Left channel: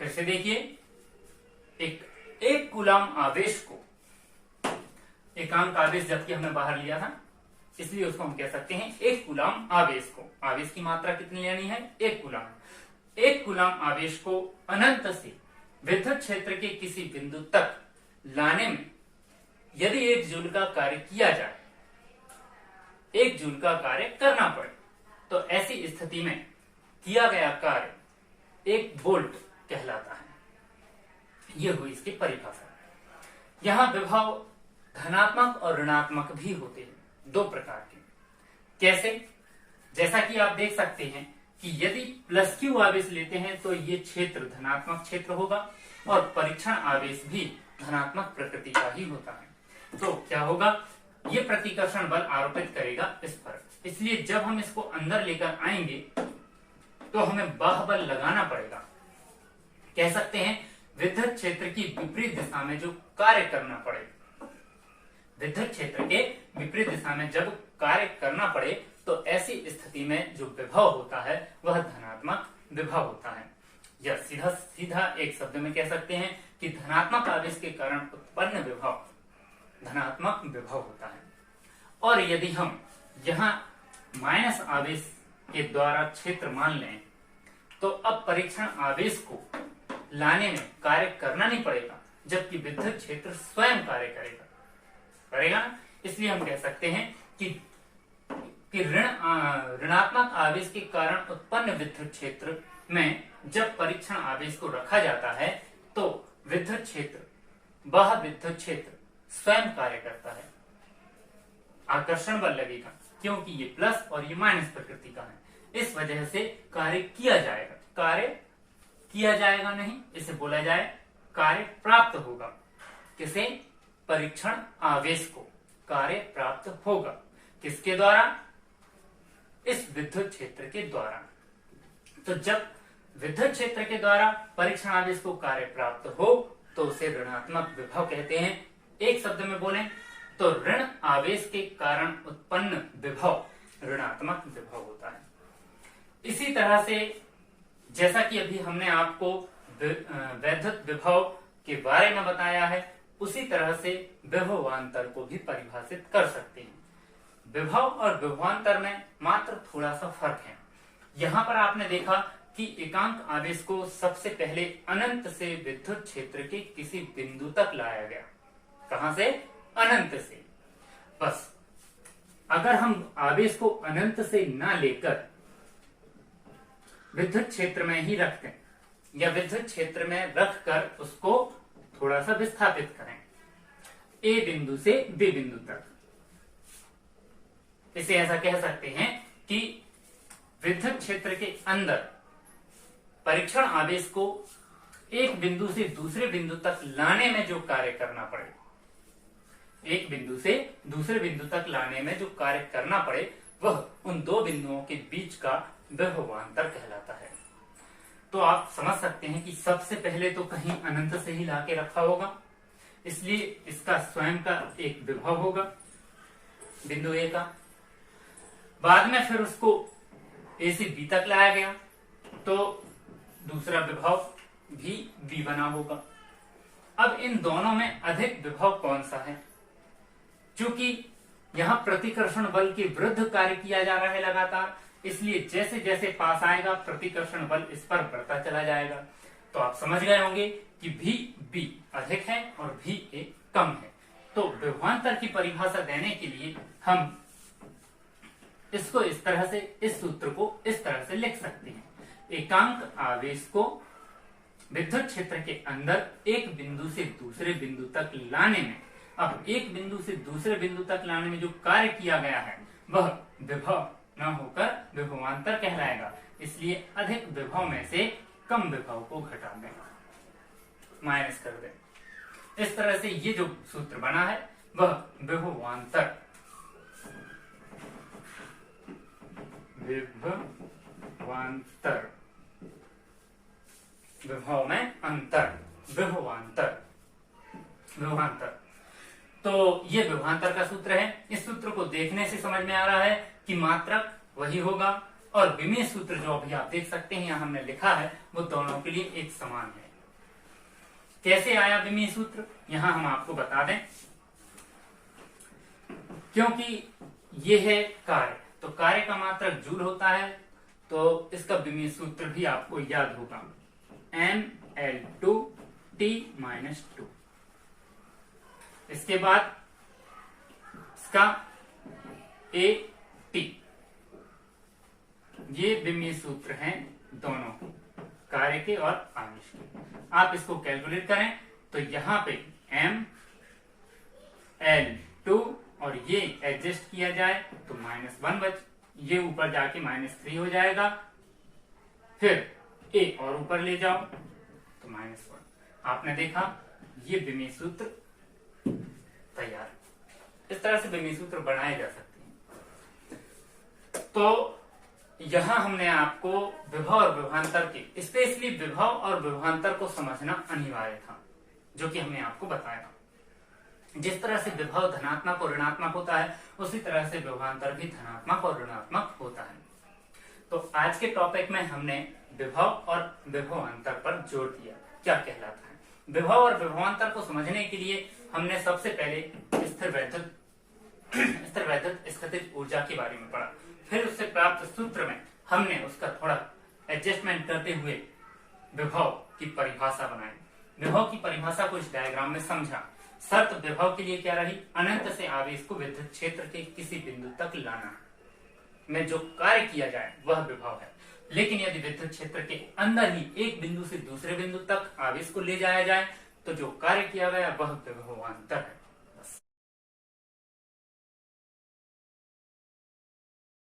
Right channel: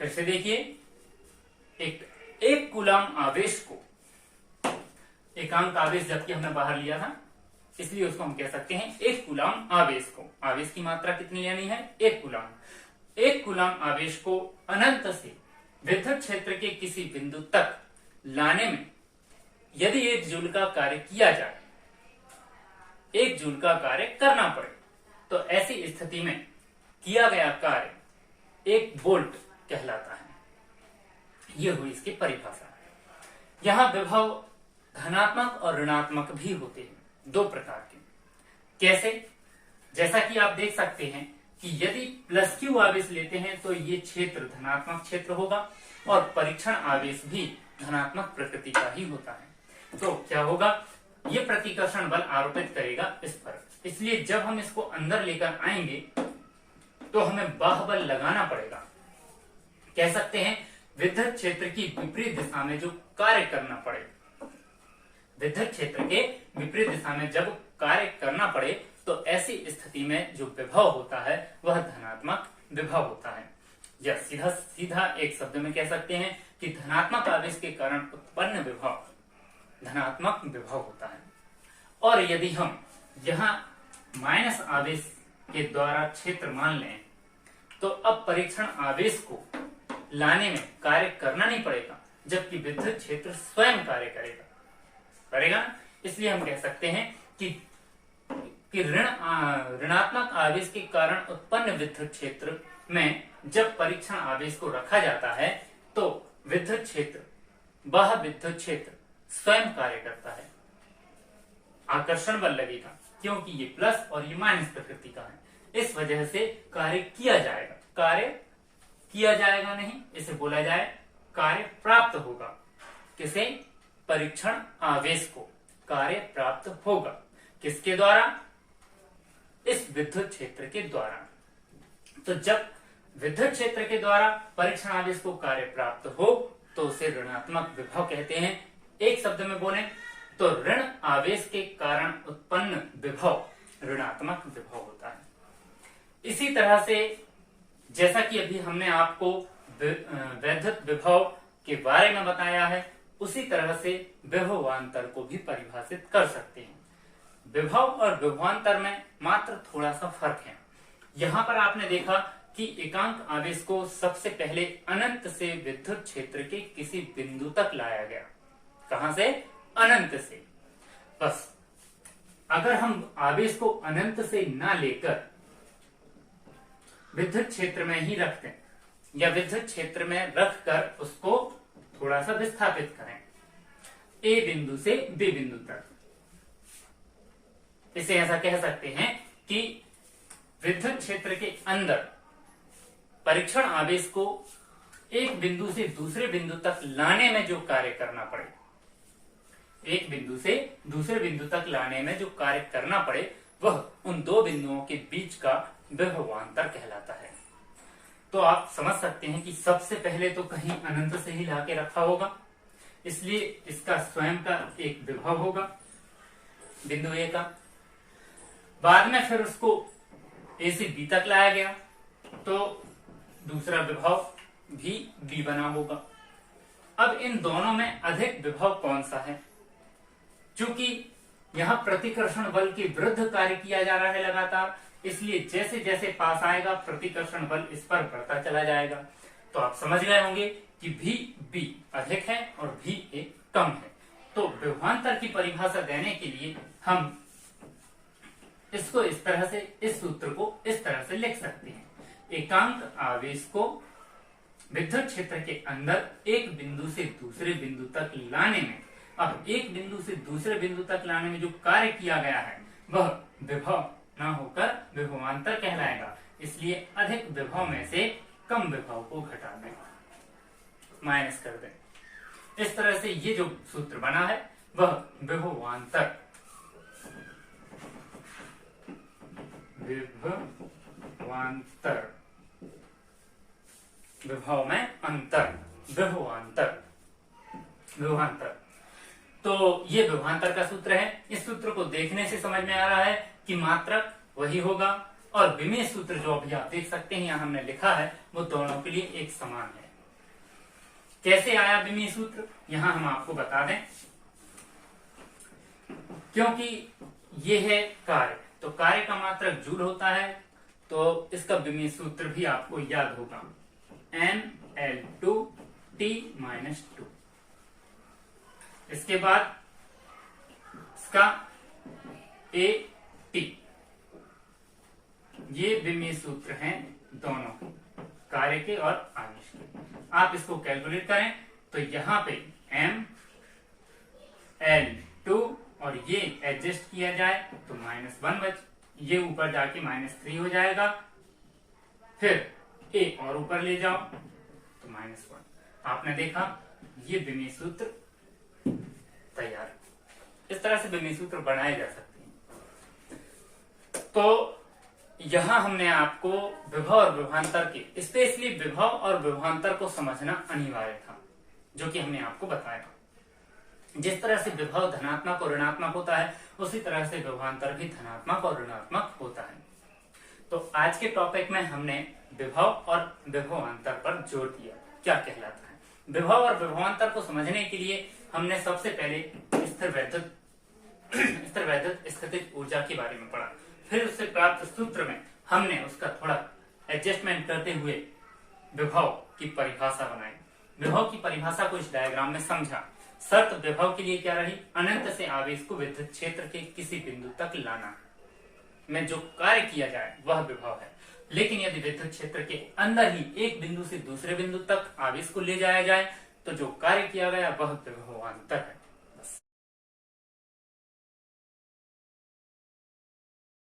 फिर से देखिए, एक कूलम आवेश को, एकांक आवेश जबकि हमने बाहर लिया था इसलिए उसको हम कह सकते हैं एक कूलम आवेश को। आवेश की मात्रा कितनी लेनी है? एक कूलम। एक कूलम आवेश को अनंत से विद्युत क्षेत्र के किसी बिंदु तक लाने में यदि 1 जूल का कार्य किया जाए, 1 जूल का कार्य करना पड़े, तो ऐसी स्थिति में किया गया कार्य 1 वोल्ट कहलाता है। यह हुई इसकी परिभाषा। यहां विभव धनात्मक और ऋणात्मक भी होते हैं, 2 प्रकार के। कैसे? जैसा कि आप देख सकते हैं कि यदि प्लस क्यू आवेश लेते हैं तो ये क्षेत्र धनात्मक क्षेत्र होगा और परीक्षण आवेश भी धनात्मक प्रकृति का ही होता है। तो क्या होगा? ये प्रतिकर्षण बल आरोपित करेगा इस पर, इसलिए जब हम इसको अंदर लेकर आएंगे तो हमें बाह्य बल लगाना पड़ेगा। कह सकते हैं विद्युत क्षेत्र की विपरीत दिशा में जो कार्य करना पड़े, विद्युत क्षेत्र के विपरीत दिशा में जब कार्य करना पड़े तो ऐसी स्थिति में जो विभव होता है वह धनात्मक विभव होता है। या सीधा सीधा एक शब्द में कह सकते हैं कि धनात्मक आवेश के कारण उत्पन्न विभव धनात्मक विभव होता है। और यदि हम यहाँ माइनस आवेश के द्वारा क्षेत्र मान लें तो अब परीक्षण आवेश को लाने में कार्य करना नहीं पड़ेगा, जबकि विद्युत क्षेत्र स्वयं कार्य करेगा ना। इसलिए हम कह सकते हैं कि ऋणात्मक आवेश के कारण उत्पन्न विद्युत क्षेत्र में जब परीक्षण आवेश को रखा जाता है तो विद्युत क्षेत्र, वह विद्युत क्षेत्र स्वयं कार्य करता है, आकर्षण बल लगेगा, क्योंकि ये प्लस और ये माइनस प्रकृति का है। इस वजह से कार्य किया जाएगा, कार्य किया जाएगा नहीं, इसे बोला जाए कार्य प्राप्त होगा। किसे? परीक्षण आवेश को कार्य प्राप्त होगा। किसके द्वारा? इस विद्युत क्षेत्र के द्वारा। तो जब विद्युत क्षेत्र के द्वारा परीक्षण आवेश को कार्य प्राप्त हो तो उसे ऋणात्मक विभव कहते हैं। एक शब्द में बोलें तो ऋण आवेश के कारण उत्पन्न विभव ऋणात्मक विभव होता है। इसी तरह से जैसा कि अभी हमने आपको वैद्युत विभव के बारे में बताया है, उसी तरह से विभवांतर को भी परिभाषित कर सकते हैं। विभव और विभवांतर में मात्र थोड़ा सा फर्क है। यहाँ पर आपने देखा कि एकांक आवेश को सबसे पहले अनंत से विद्युत क्षेत्र के किसी बिंदु तक लाया गया। कहां से? अनंत से। बस अगर हम आवेश को अनंत से ना लेकर विद्युत क्षेत्र में ही रखते हैं या विद्युत क्षेत्र में रखकर उसको थोड़ा सा विस्थापित करें ए बिंदु से बी बिंदु तक, इसे ऐसा कह सकते हैं कि विद्युत क्षेत्र के अंदर परीक्षण आवेश को एक बिंदु से दूसरे बिंदु तक लाने में जो कार्य करना पड़े, एक बिंदु से दूसरे बिंदु तक लाने में जो कार्य करना पड़े वह उन 2 बिंदुओं के बीच का विभवांतर कहलाता है। तो आप समझ सकते हैं कि सबसे पहले तो कहीं अनंत से ही लाके रखा होगा, इसलिए इसका स्वयं का एक विभव होगा बिंदु ए का। बाद में फिर उसको ए से बी तक लाया गया तो दूसरा विभव भी बी बना होगा। अब इन दोनों में अधिक विभव कौन सा है? क्योंकि यहाँ प्रतिकर्षण बल के विरुद्ध कार्य किया जा रहा है लगातार, इसलिए जैसे जैसे पास आएगा प्रतिकर्षण बल इस पर बढ़ता चला जाएगा। तो आप समझ गए होंगे कि भी बी अधिक है और भी ए कम है। तो विभवांतर की परिभाषा देने के लिए हम इसको इस तरह से, इस सूत्र को इस तरह से लिख सकते हैं। एकांक आवेश को विद्युत क्षेत्र के अंदर एक बिंदु से दूसरे बिंदु तक लाने में, अब एक बिंदु से दूसरे बिंदु तक लाने में जो कार्य किया गया है वह विभव न होकर विभवांतर कहलाएगा। इसलिए अधिक विभव में से कम विभव को घटा दें, माइनस कर दें। इस तरह से ये जो सूत्र बना है वह विभवांतर, विभवांतर, विभव में अंतर, विभवांतर, विभवांतर। तो ये विभवांतर का सूत्र है। इस सूत्र को देखने से समझ में आ रहा है कि मात्रक वही होगा और विमेय सूत्र जो अभी आप देख सकते हैं यहाँ हमने लिखा है वो दोनों के लिए एक समान है। कैसे आया विमेय सूत्र, यहाँ हम आपको बता दें, क्योंकि ये है कार्य, तो कार्य का मात्रक जूल होता है, तो इसका विमेय सूत्र भी आपको याद होगा, mL2T-2। इसके बाद इसका AT, ये विमेय सूत्र हैं दोनों कार्य के और आवेश के। आप इसको कैलकुलेट करें तो यहाँ पे mL2 और ये एडजस्ट किया जाए तो -1 बच, ये ऊपर जाके -3 हो जाएगा, फिर A और ऊपर ले जाओ तो -1। आपने देखा ये विमेय सूत्र तैयार। इस तरह से विमेय सूत्र बनाए जा सकते हैं। तो यहां हमने आपको विभव और विभवांतर के, स्पेशली विभव और विभवांतर को समझना अनिवार्य था, जो कि हमने आपको बताया। जिस तरह से विभव धनात्मक और ऋणात्मक होता है, उसी तरह से विभवांतर भी धनात्मक और ऋणात्मक होता है। तो आज के टॉपिक में हमने विभव और विभवांतर पर जोर दिया, क्या कहलाता है। विभव और विभवांतर को समझने के लिए हमने सबसे पहले स्थिर वैद्युत स्थितिज ऊर्जा के बारे में पढ़ा, फिर उससे प्राप्त सूत्र में हमने उसका थोड़ा एडजस्टमेंट करते हुए विभव की परिभाषा बनाई। विभव की परिभाषा को इस डायग्राम में समझा। शर्त विभव के लिए क्या रही, अनंत से आवेश को विद्युत क्षेत्र के किसी बिंदु तक लाना में जो कार्य किया जाए वह विभव है। लेकिन यदि विद्युत क्षेत्र के अंदर ही एक बिंदु से दूसरे बिंदु तक आवेश को ले जाया जाए तो जो कार्य किया गया वह विभवांतर है।